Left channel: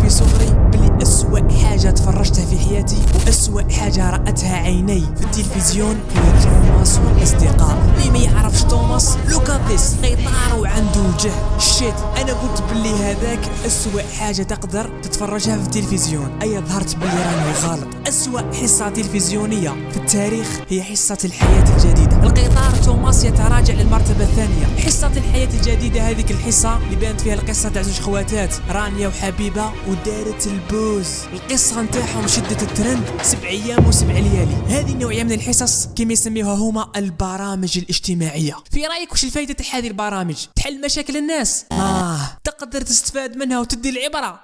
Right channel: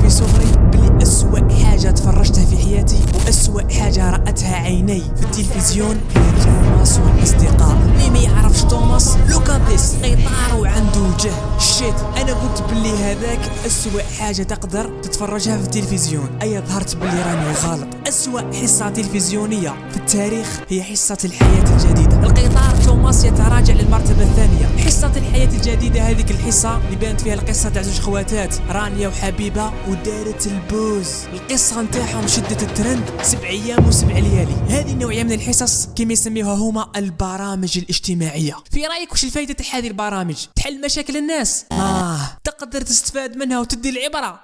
في صغري بلي أسوأ حاجة تفرجتها في حياتي وأسوأ حاجة رأتها عيني في التلفزيون هي توماس والأصدقاء. اللي ما يعرفش توماس لوكاديس قيطار وعنده وجه شيت. أنا قلت بلي هذاك أسوأ حاجة تقدر تتفرجها في التلفزيون. أي ظهرت بلي راني غلط. أسوأ حصة تلفزيونية في التاريخ هي حصة الحياة الجديدة. القيطار توماس يتراجع للمرتبة الثانية. حصة الحياة الجديدة هذيك الحصة اللي بانت فيها القصة تاع زوج خواتات رانيا وحبيبة ودارت البوز. القصة نتاعهم شدت الترند 7 أيام و7 ليالي. هذه النوعية من الحصص كما يسميوها هما البرامج الاجتماعية. في رأيك وش الفايدة تاع هذه البرامج؟ تحل مشاكل الناس؟ تقدر تستفاد منها وتدي العبرة؟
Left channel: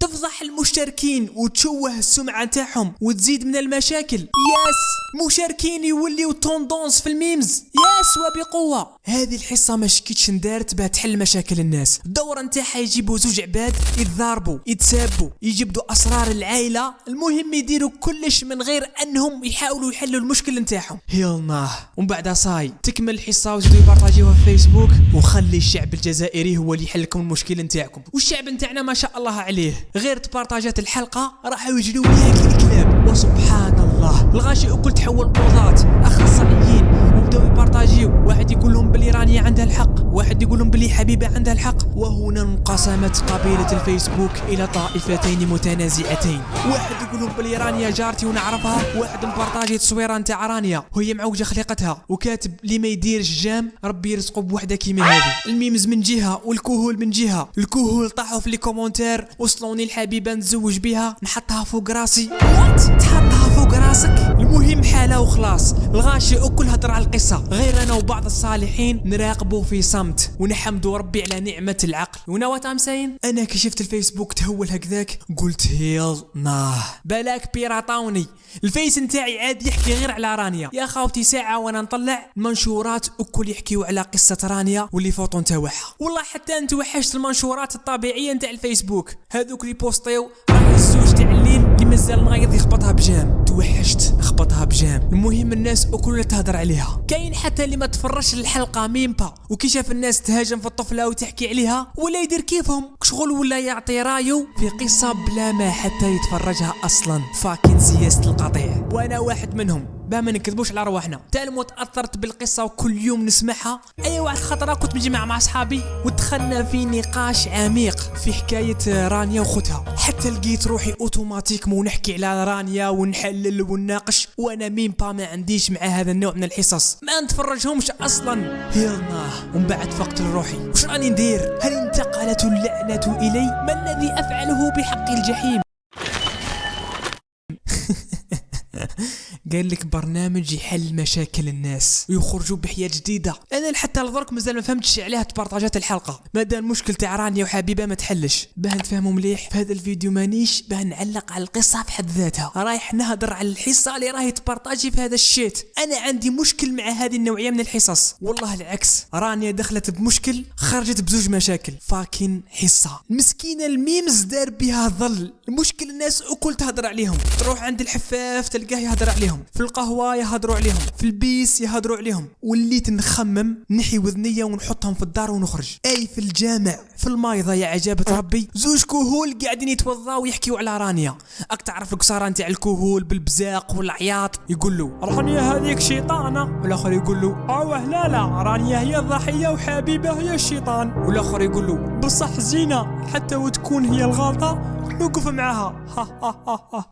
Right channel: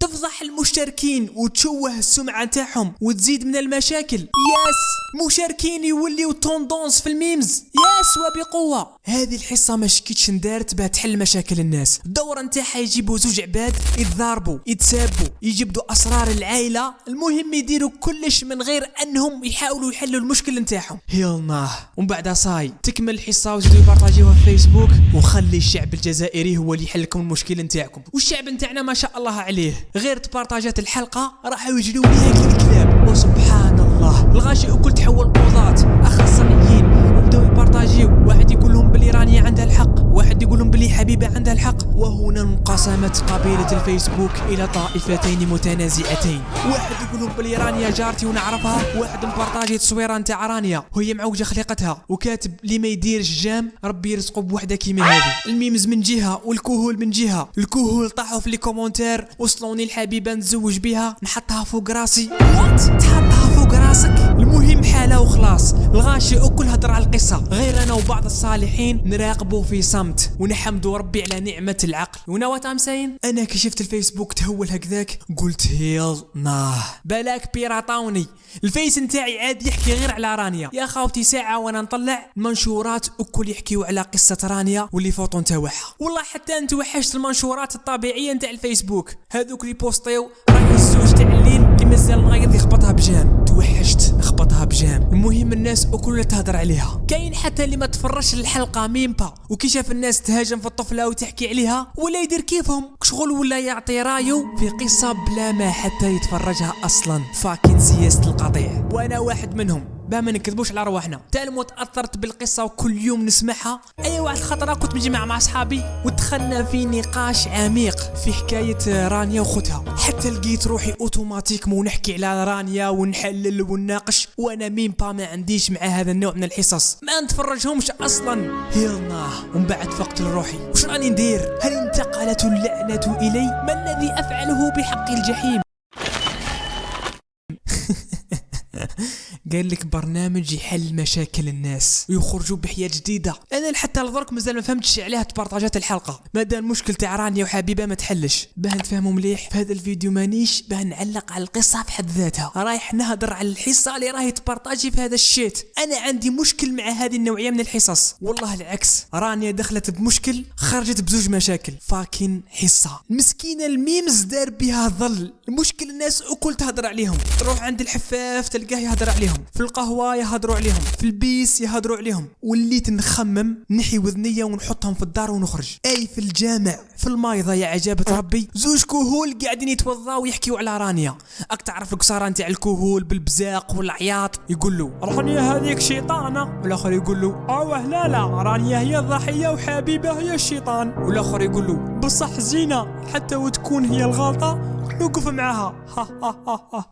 تفضح المشتركين وتشوه السمعة نتاعهم وتزيد من المشاكل؟ ياس. مشاركين يوليو توندونس في الميمز؟ ياس وبقوة. هذه الحصة ما شكيتش ندارت بها تحل مشاكل الناس. الدورة نتاعها يجيبوا زوج عباد يتضاربوا يتسابوا يجبدوا أسرار العائلة، المهم يديروا كلش من غير أنهم يحاولوا يحلوا المشكل نتاعهم. يلا ومن بعد صاي تكمل الحصة وزيدوا يبارطاجيوها في فيسبوك وخلي الشعب الجزائري هو اللي يحل لكم المشكل نتاعكم. والشعب نتاعنا ما شاء الله عليه غير تبارطاجات الحلقة راحوا يجروا ليها كي الكلاب. وسبحان الله الغاشي أكل تحول قضاة أخصائيين وبداو يبارطاجيو. واحد يقول لهم بلي رانيا عندها الحق، واحد يقول لهم بلي حبيبة عندها الحق. وهنا انقسمت قبيلة الفيسبوك إلى طائفتين متنازعتين. واحد يقول لهم بلي رانيا جارتي ونعرفها، واحد مبارطاجي تصويره نتاع رانيا وهي معوجة خليقتها وكاتب لي ما يديرش جام ربي يرزقه بوحدة كيما هذه. الميمز من جهة والكهول من جهة. الكهول طاحوا في لي كومونتير وصلوني الحبيبة نتزوج بها نحطها فوق راسي. تحطها فوق راسك؟ المهم حالة وخلاص. الغاشي أكل هدر على القصة غير أنا وبعض الصالحين نراقبوا في صمت ونحمدوا ربي على نعمة العقل. ونوات أمسين أنا كي شفت الفيسبوك تهول هكذاك قلت يلا بلاك بيراطاوني. الفيس نتاعي عاد يحكي غير على رانيا. يا خاوتي ساعة وانا نطلع المنشورات أكل يحكيوا على قصة رانيا واللي فوتو نتاعها. والله حتى انت وحشت المنشورات الطبيعية نتاع الفيسبوك هذوك اللي بوستيو راهي الزوج تاع الليل اللي مازال نغيض يخبطها بجام. توحشت نخبطها بجام. المهم الناس أكل تهدر عليها. كاين حتى اللي ما تفرش الحلقة ميمبا وكي شاف الناس تهاجم في الطفلة وتحكي عليها ولا يدير كيفهم شغل ولا يعطي رايو في قصة بلا ما حتى يتفرجها أصلا. فاكين سياسة القطيع وانا واحد منهم. ما نكذبوش على رواحنا. تالمو تأثرت بالقصة وكل يوم نسمعها. أي واحد خطرة كنت مجمع مع أصحابي ودخلنا في نقاش عميق في حكاية رانيا وخوتها. حتى لقيت روحي أوتوماتيك ونحكي على رانيا ونحلل ونناقش وأنا ميمبا ما عنديش مع هذا النوع من الحصص ما نتفرجهمش أصلا. يلا ومن بعد فقت لروحي وش راني ندير؟ هل انتقلت اللعنة إلي؟ ما الذي أفعله بحق الجحيم؟ قال لك برنامج يحل مشاكل الناس ويخرجوا بحياة جديدة. انا حتى لدرك مازال ما فهمتش عليها تبارطاجات الحلقة. ماذا المشكل تاع رانيا وحبيبة ما تحلش؟ باه نتفهموا مليح في هذا الفيديو مانيش باه نعلق على القصة في حد ذاتها. رايح نهضر على الحصة اللي راهي تبارطاجي في هذا الشيت. انا عندي مشكل مع هذه النوعية من الحصص. والله العكس رانيا دخلت بمشكل خرجت بزوج مشاكل. فاكين حصة المسكينة الميمز دار بها ظل. المشكل الناس أكل تهدر عليهم. تروح عند الحفاف تلقاه يهدر عليهم، في القهوة يهدروا عليهم، في البيس يهدروا عليهم. وليت نخمم نحي وذنية ونحطهم في الدار ونخرج. أي في الجامع في المايضة يا عجابة ربي زوج كهول قاعدين يتوضاو ويحكيوا على رانيا. أك تعرف القصارى نتاع الكهول بالبزاق والعياط. يقول له رانيا هذيك شيطانة، والآخر يقول له لا رانيا هي الضحية وحبيبة هي الشيطان. والآخر يقول له بصح زينة حتى وتكون هي الغلطة نوقف معاها.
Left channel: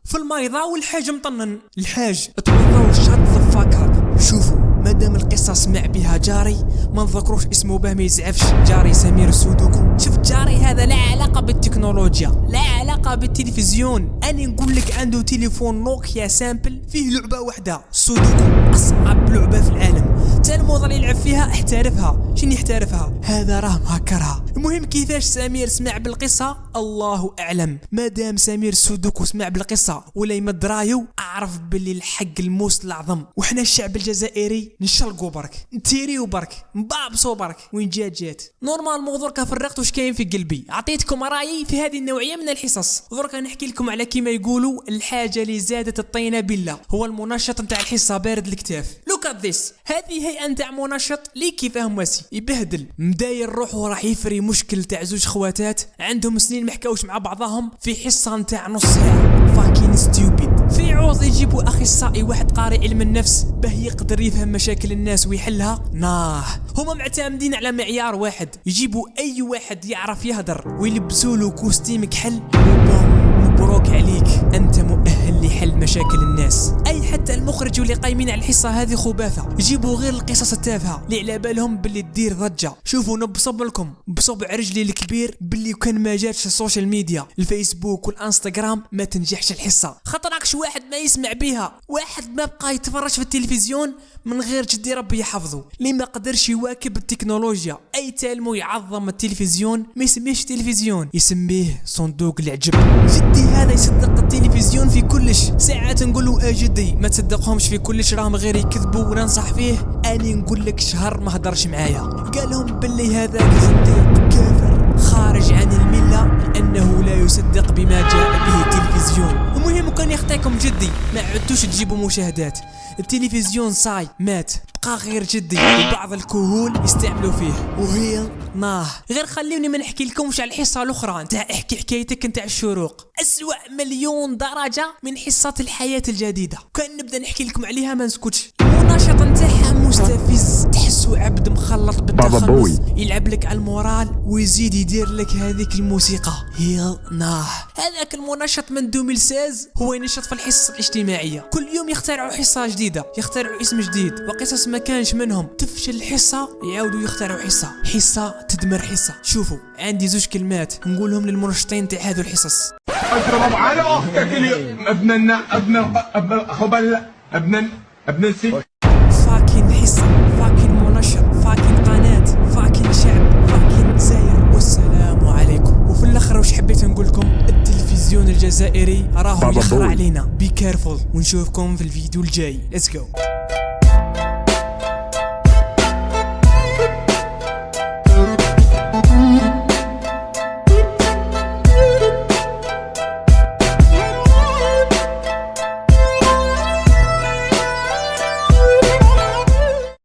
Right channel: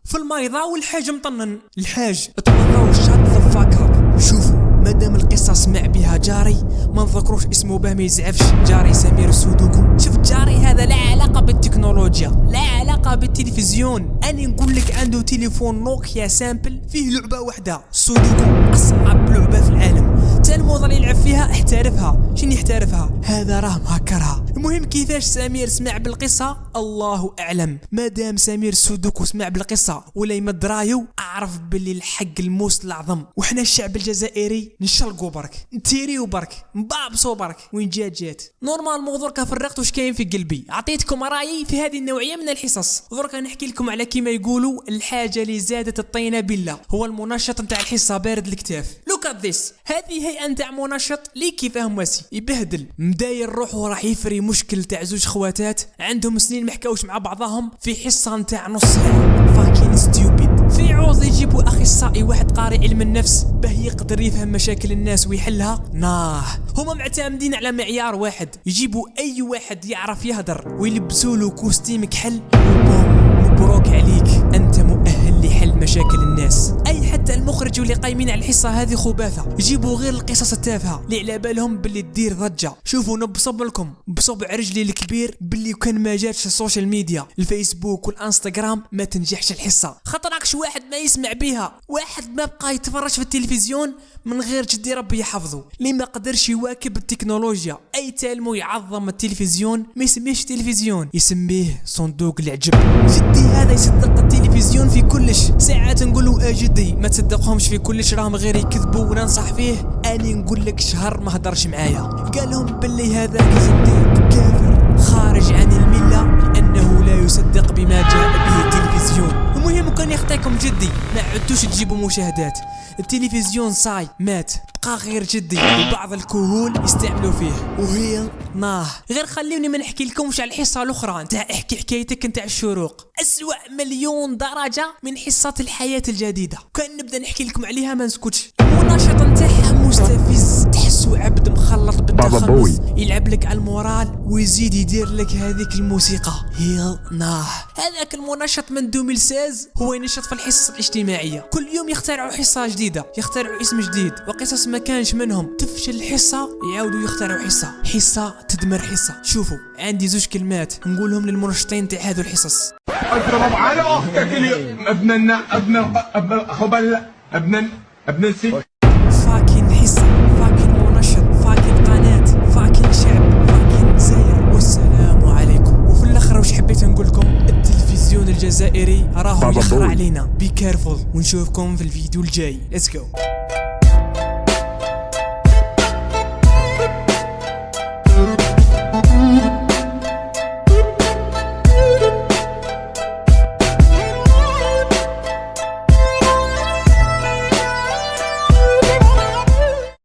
في المايضة والحاج مطنن. الحاج توضاو شات ضفاكر. شوفوا مادام القصة سمع بها جاري ما نذكروش اسمه باه ما يزعفش. جاري سمير السودوكو. شفت جاري هذا لا علاقة بالتكنولوجيا لا علاقة بالتلفزيون. أنا نقول لك عنده تليفون نوكيا سامبل فيه لعبة واحدة سودوكو أصعب لعبة في العالم. تالموضة اللي يلعب فيها احترفها. شنو يحترفها؟ هذا راه مهكرها. المهم كيفاش سمير سمع بالقصة الله أعلم. مادام سمير السودوكو سمع بالقصة ولا يمد رايو أعرف باللي الحق الموس الأعظم. وحنا الشعب الجزائري نشلقوا برك نتيريو برك نبابسوا برك. وين جات نورمال موضوع كفرقت وش كاين في قلبي. عطيتكم رايي في هذه النوعية من الحصص. الحصص. دركا نحكي لكم على كيما يقولوا الحاجه اللي زادت الطينه بالله، هو المنشط نتاع الحصه بارد الكتاف. لوك ات ذيس، هذه هيئه نتاع منشط اللي كيفاه مواسي يبهدل مداير روحه راح يفري مشكل تاع زوج خواتات عندهم سنين ما حكاوش مع بعضهم في حصه نتاع نص ساعه. فاكين ستوبيد. في عوض يجيبوا اخصائي واحد قارئ علم النفس باه يقدر يفهم مشاكل الناس ويحلها. هما معتمدين على معيار واحد، يجيبوا اي واحد يعرف يهدر ويلبسوا له كوستيم كحل وبوم، مبروك عليك انت مؤهل لحل مشاكل الناس. اي حتى المخرج واللي قايمين على الحصه هذه خباثه، يجيبوا غير القصص التافهه اللي على بالهم باللي تدير ضجه. شوفوا نبصب لكم بصبع رجلي الكبير باللي كان ما جاتش السوشيال ميديا الفيسبوك والانستغرام ما تنجحش الحصه، خاطركش واحد ما يسمع بيها، واحد ما بقى يتفرج في التلفزيون من غير جدي ربي يحفظه، اللي ما قدرش يواكب التكنولوجيا. اي تالمو يعظم التلفزيون ما يسميهش تلفزيون، يسميه صندوق العجب. جدي هذا يصدق التلفزيون في كلش، ساعات نقولوا جدي ما تصدقهمش في كلش راهم غير يكذبوا وننصح فيه. اني نقول لك شهر ما هدرش معايا، قال لهم باللي هذاك زنديق كافر خارج عن المله لانه لا يصدق بما جاء به التلفزيون. المهم كان يخطيكم جدي ما عدتوش تجيبوا مشاهدات، التلفزيون صاي مات، بقى غير جدي وبعض الكهول يستعملوا فيه وهي غير خليوني ما نحكي لكمش على الحصه الاخرى نتاع احكي حكايتك نتاع الشروق. اسوأ مليون درجه من حصه الحياه الجديده، كان نبدا نحكي لكم عليها ما نسكتش. المناشط نتاعها مستفز، تحسو عبد مخلط بالتخلص، يلعب لك على المورال ويزيد يدير لك هذيك الموسيقى هيل هذاك المناشط من 2016 هو ينشط في الحصص الاجتماعيه، كل يوم يخترعوا حصه جديده، يخترعوا اسم جديد وقصص ما كانش منهم، تفشل الحصه يعاودوا يخترعوا حصه تدمر حصه. شوفوا عندي زوج كلمات نقولهم للمنشطين تاع هذو الحصص. اضرب على اختك ابن السي. فاكين حصه، فاكين منشط، فاكين قناه، فاكين شعب، فاكين جزائر، والسلام عليكم. وفي الاخر واش حبيت نقول لكم، التلفزيون الجزائري راهو يخرع علينا، بي كيرفول، ونشوفكم في الفيديو الجاي. ليتس جو.